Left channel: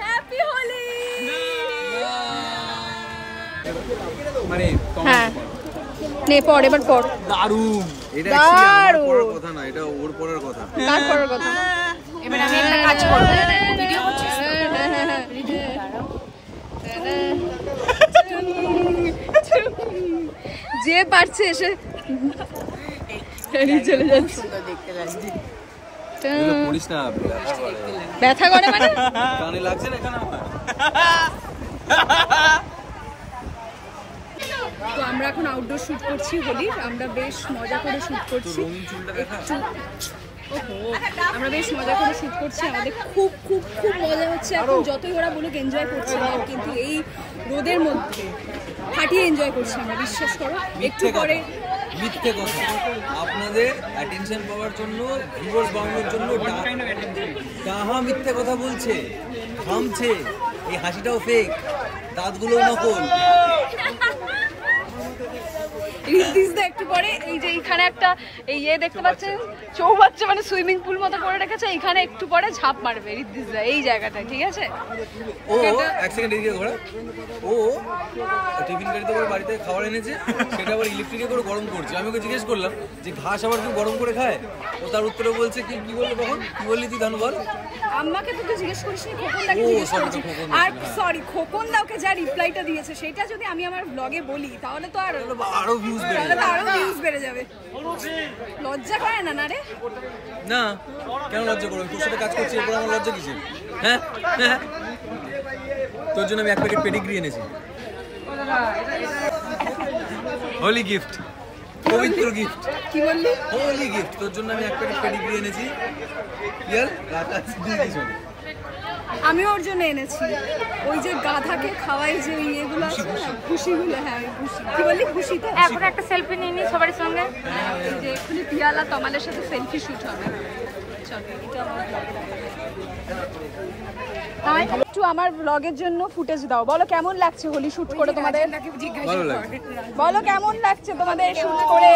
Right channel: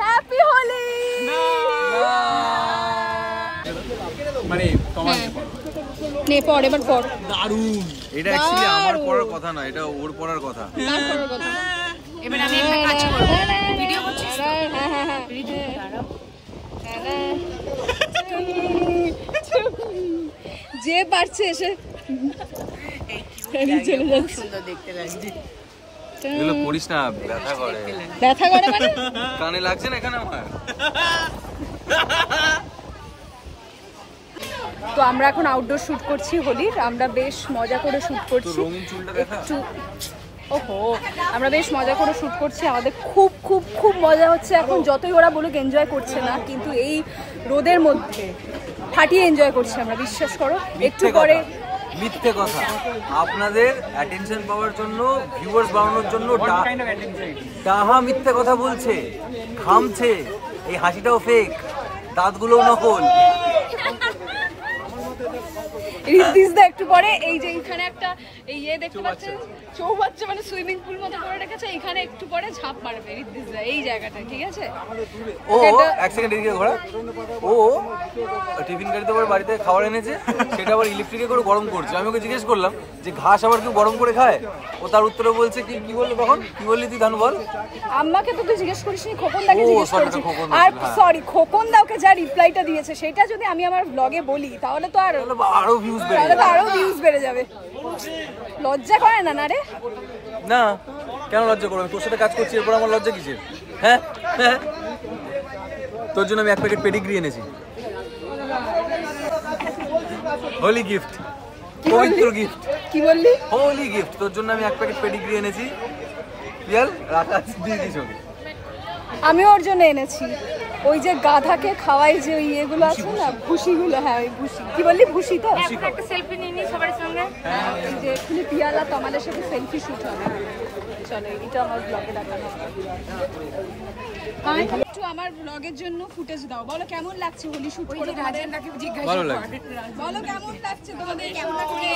Happy Holi. মানে নে পড়, এবার পড়। দারুণ। এটা অ্যাকচুয়ালি আমার পড়ার কথা না, এটা ওর পড়ার কথা। কার পড়ার কথা? এবার আমি একটা কাজ করব। ভিডিও করছিস তো? হ্যাঁ। ভিডিও দাঁড়াও। যে পারছে এসে চলে যাচ্ছে। সুন্দর দেখতে লাগছে। এগুলো পড়িস না, ব্যথা করে। ব্যথা করে মানে? কানে লাগছে না এখানে আমার। তো আমরা এখন আউটডোর শুট করছি হোলির। আমরা বেশ মজা করে শুট করছি। রঙিন চুলটা দেখা। ওহো, আমরা বেশ মজা করে শুট করছি। আমাদের খুব খুব খুব মজা হচ্ছে এখন। যতই ওরা বলুক এনজয় করছে না, কিন্তু এই রোদের মধ্যে ফাটিয়ে এনজয় করছি আমরা, বিশ্বাস করো। একটু পরে মিথ্যে কথা, আপনাদের অ্যাটেনশন পাওয়ার জন্য, ভিউয়ার্স বাড়ানোর জন্য ডাহা মিথ্যে কথা বলছে, খামছে। এই হাসিটাও ফেক, দাঁতগুলোও নকল। একটু পরে এই যে এইখানে একটা ইয়ে দেখতে পাচ্ছেন, চৌবাচ্চা মানে সুইমিং পুল মতো করে রেখেছে, এইখানে একটু পরে ঝাঁপ মারবে ঋদ্ধিসদা এই জায়গাটায়, ঠিক আছে? ও এক সেকেন্ড এদিকে ঘোরা। ও টিফিন গাড়িতে করে বাড়িতে খাবার এনেছে, সেটা আবার ইলেকট্রিকে করে গরম করছে। আমি ওকে জিজ্ঞেস করলাম যে ঘাস আবার কেউ গরম করে খায়? ও তার উত্তরে বলছে কি বললো তখন? কি বললি তুই ধানু বল? আমাকে তো তুই জিজ্ঞেস করিসনি, খোকনদাকে জিজ্ঞেস করেছিস। আর সরি, খোকনদা ওকে যা রিপ্লাইটা দিয়েছে সেটা যদি আমি আমার ব্লগে বলি তাহলে তো আরো ভিউজ বেড়ে যাবে। লজ্জা করে না রে? না, কেন লজ্জা করবো? তোর সাথে কাজ করছি, এরপর আমার লজ্জা কিসের? হ্যাঁ, তোর জন্য আমি এক প্যাকেট পেডিগ্রি এনেছি, হোলি গিফট, পবিত্র গিফট। কি বললি? হোলি গিফট। তোর জন্য আমি এক প্যাকেট পেডিগ্রি এনেছি। ইয়ার রাতা দিয়ে দিছো। আমি ওর জন্য এনেছি ওই যে গাধাকে খাওয়াই যে ওই ইয়েগুলো আছে না, ভুসিগুলো। হ্যাঁ, ওই ভুসি। কি বললি? ভুসি তো। এখন একটা সেলফি নিয়ে নি সবার সঙ্গে। এই যে এক্ষুনি পিয়ালা তমালের সাথে সেলফি শুট হবে। চলো, এটা আমার ব্লগে। একটু আমার ব্লগের জন্য ফুটেজ দাও। বলো কেমন লাগছে হোলি শুট করে তোমাদের? ভালো লাগছে। বলো কেমন লাগছে তোমাদের শুট করে?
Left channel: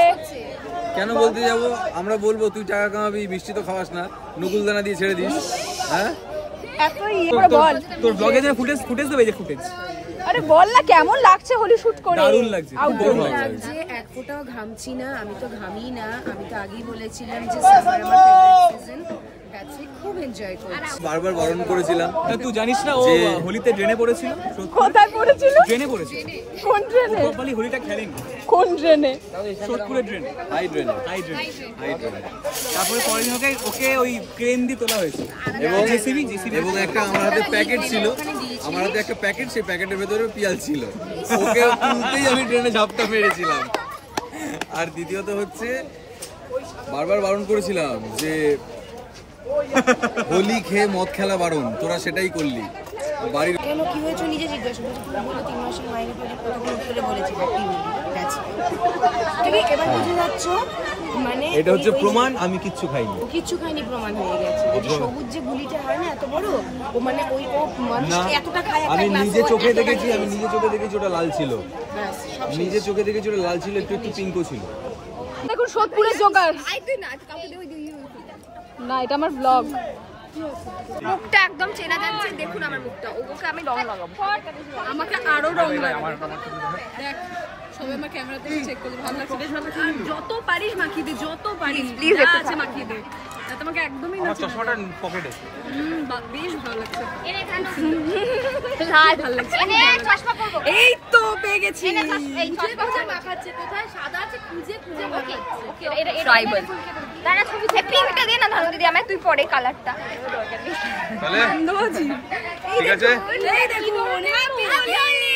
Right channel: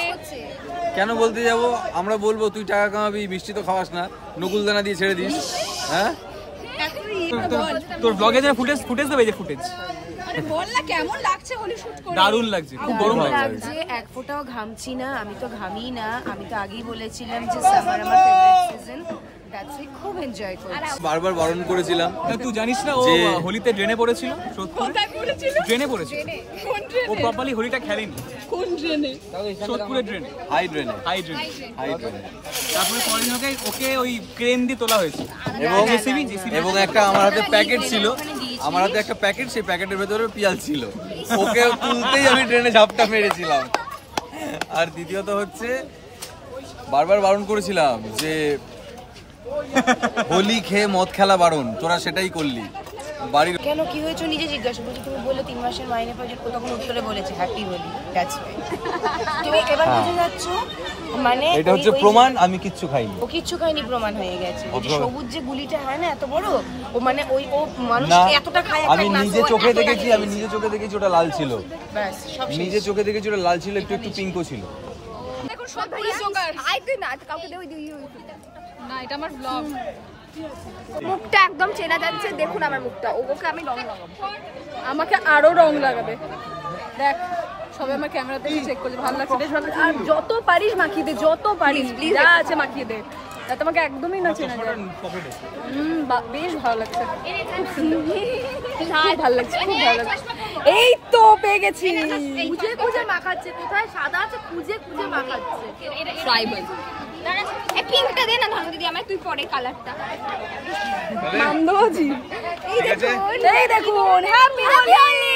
কেন বলতে যাবো? আমরা বলবো তুই টাকা কামাবি, মিষ্টি তো খাওয়াস না, নকুলদানা দিয়ে ছেড়ে দিস। হ্যাঁ, তোর ব্লগে যে ফুটেজ দেবে, যে ফুটেজ। আরে বল না কেমন লাগছে হোলি শুট করে? দারুণ লাগছে, খুব গরম লাগছে। এক ফোঁটাও ঘামছি না, আমি তো ঘামি না। আমি তো আগেই বলেছিলাম যে সামার আমার ফেভারিট সিজন। খুব এনজয় করছি। বারবার বারণ করেছিলাম। তুই জানিস না ও হোলিতে ড্রেনে পড়েছিল? কোথায় পড়েছিল? ড্রেনে পড়েছিল। কোন ড্রেনে? ও প্রপারলি হোলিটা খেলেনি। কোন ড্রেনে? সোদপুরের ড্রেনে। হাই ড্রেনে। তারপরে পরের দিন ওকে ওই ক্রেন দিয়ে তোলা হয়েছে এবং একটা আমার হাতে প্যাকেট ছিল, আমার হাতে একটা প্যাকেট, সেই প্যাকেটের ভেতরে পিয়াজ ছিল। ওকে তুলতেই আমি ড্রেনে ঝাপটা মেরেছিলাম। আর দ্বিতীয়ত হচ্ছে বারবার বারণ করেছিলাম যে হোলি খেয়ে মদ খেলা বারণ, তোরা সেটাই করলি। বাড়ির কেন কি হয়েছে নিজে জিজ্ঞাসা করছি। তুমি বললো 3 মাসের মাইনে পাচ্ছি, তখন উত্তরে বলেছি কি বলি। তুমি এবার বুঝে যাচ্ছ, মানে এটা হচ্ছে প্রমাণ আমি কিচ্ছু খাইনি। ও কিচ্ছু খাইনি, প্রমাণ হয়ে গেছে। সবুজ যে গুলিটা হয় না এত বড়, ও মানে ও মানুষ এতটা খায়। আমি নিজে চোখে দেখেছি, ওটা লাল ছিল। নিজে চোখে দেখেছি ওটা লাল ছিল, একটু পিঙ্কও ছিল। দেখুন সোদপুরের জোগাড়। না, এটা আমার ব্লগ। মুখটা একদম চেনা যাচ্ছে, দেখুন আমার মুখটা। ওকে আমি রং লাগাবো, আমাকে আরো রং লাগাবে। দেখ, সবাই আমার ক্যামেরাতে চেক করছে, ভালো লাগছে। আর যত পারিস মাখিয়ে দে, যত পারিস, যা আছে মাখিয়ে দে। তোমাকে একদমই না চেনা যায়। বেশ ভালো লাগছে, ভালো লাগছে। এই তো পেয়ে গেছি। খুঁজে মাখাচ্ছে, কোথায় সাদা আছে খুঁজে মাখাচ্ছে। পিঙ্কটা দে না ধানু দিদি আমায়, তুই পরে কালারটা। মান্দবাজি। এই দেখুন, হ্যাপি হোলি।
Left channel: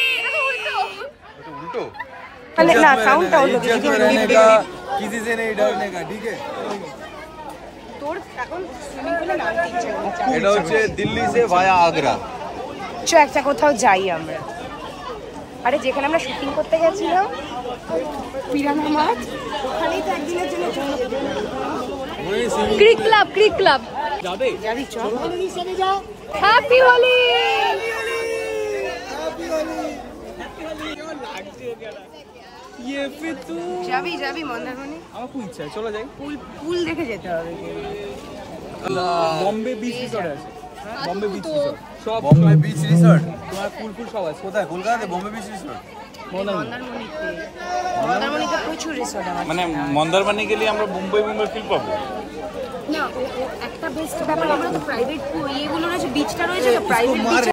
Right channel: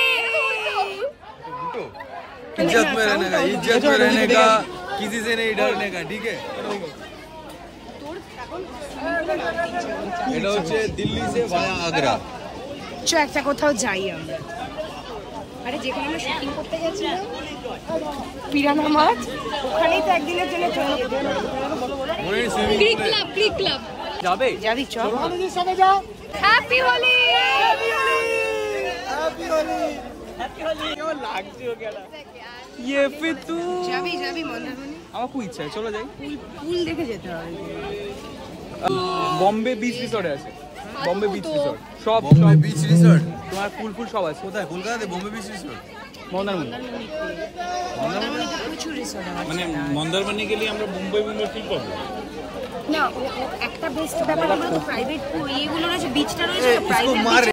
इज्जत में रहने का, किसी से नहीं डरने का, ठीक है? এটা হচ্ছে দিল্লি से ভায়া আগ্রা। চো একটা কোথাও যাই আমরা। আরে যেখানে আমরা শুটিং করতে গেছিলাম পিরানা মাঠ, ওখানেই তো একদিনের জন্য চলে ক্রিক ক্লাব যাবি? চল হ্যাপি হোলি। যাবি মন্দারমণি? আমার খুব ইচ্ছা, চলো যাই। পুল দেখে যেতে হবে। বম্বে বিচ রিসর্ট আছে, বম্বে বিচ রিসর্ট সব, বম্বে বিচ রিসর্ট তোমার ফুল সব আছে। কোথায়? কলকাতাতে বম্বে বিচ রিসর্ট? মন্দারমণিতে প্রচুর রিসর্ট আছে। মানে মন্দারমণি গেলে আমরা মুম্বাই ফিল পাবো না, ও একটা বেস্ট ব্যাপার, আমরা তো প্রাইভেট ইয়েগুলো রয়েছে, বিচটা রয়েছে তো প্রাইভেট